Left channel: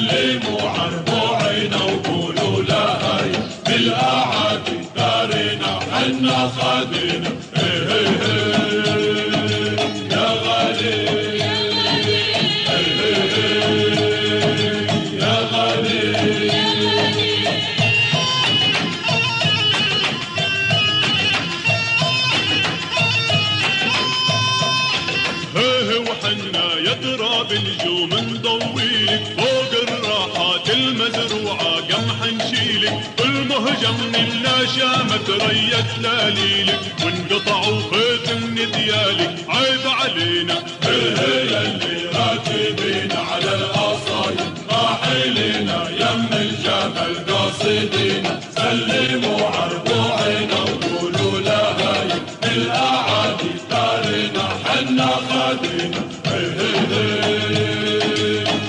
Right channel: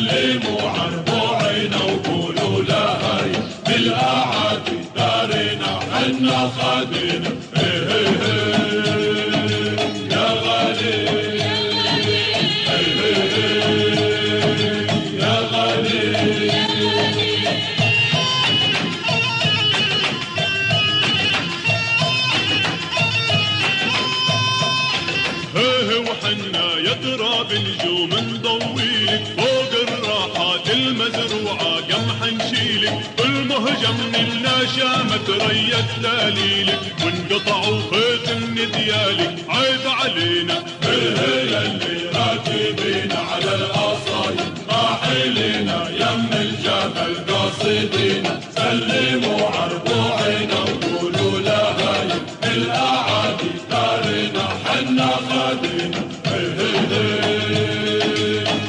سلموا عربوعنا وقولوا لها بالأعادي دارنا حنا خادنا يا غالي يا غالي وحنا يدرى بالجوم نضويلك فوق الراحات المزروعة قمح نشيلك المهجم منا شامت ريت لاليلك وانقطعوا خيط من ديالك عيب علينا اللي راكبين على الأصايب راحلنا يم الجبل قاصدين سلموا عربوعنا وقولوا لها بالأعادي دارنا حنا خادنا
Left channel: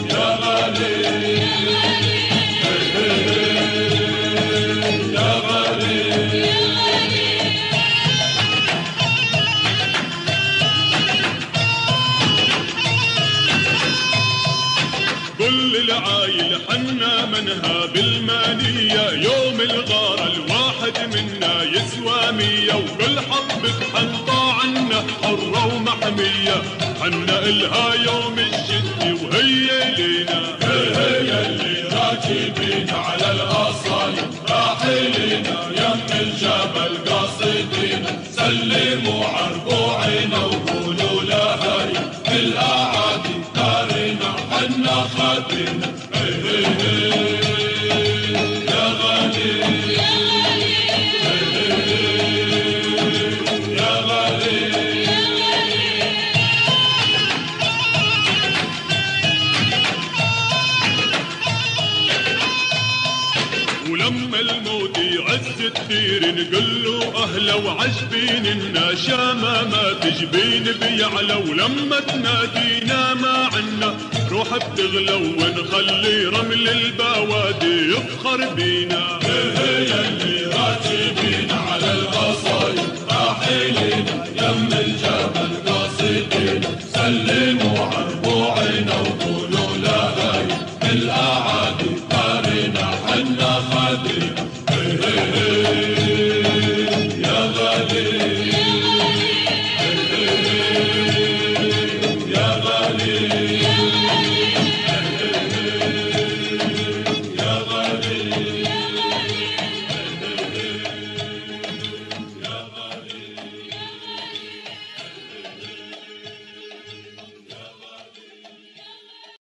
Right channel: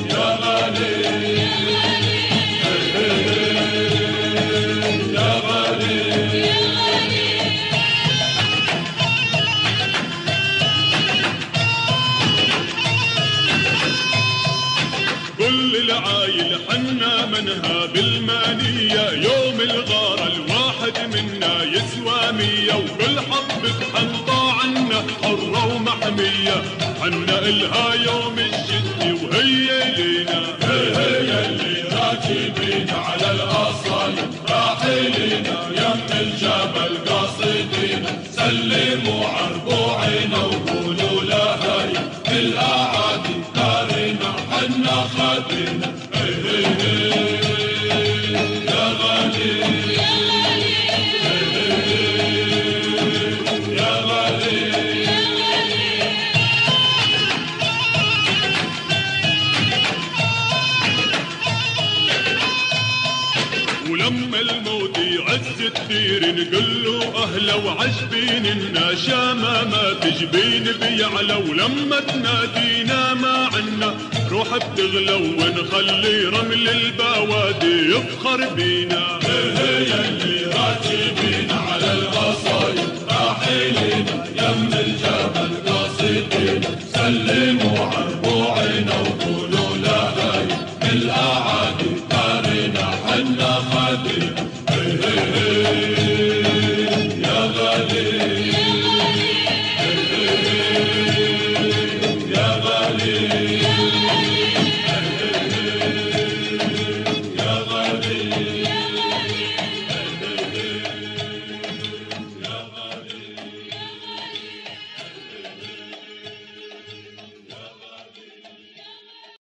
يا غالي يا غالي كل العايل حنا منها بالمانية يوم الغارة الواحد منا يسوى 100 وكل حبة حنطة عنا حرة ومحمية حنا إلها يوم الجد وهي لينا هي اللي راكبين على الأصايب راحلين يم الجبل قاصدين سلموا عربوعنا وقولوا لها بالأعادي دارنا حنا خادنا يا غالي يا غالي ولما الموت يعز كثير نقول له اهلا وعجبين النشامة ما تجبين بيعلى ولما تنادينا ما عنا روح بتغلى ونخلي رمل البوادي يفخر بينا هي اللي راكبين على القصايد راحلين يم الجبل قاصدين سلموا عربوعنا وقولوا لها بالأعادي دارنا حنا خادنا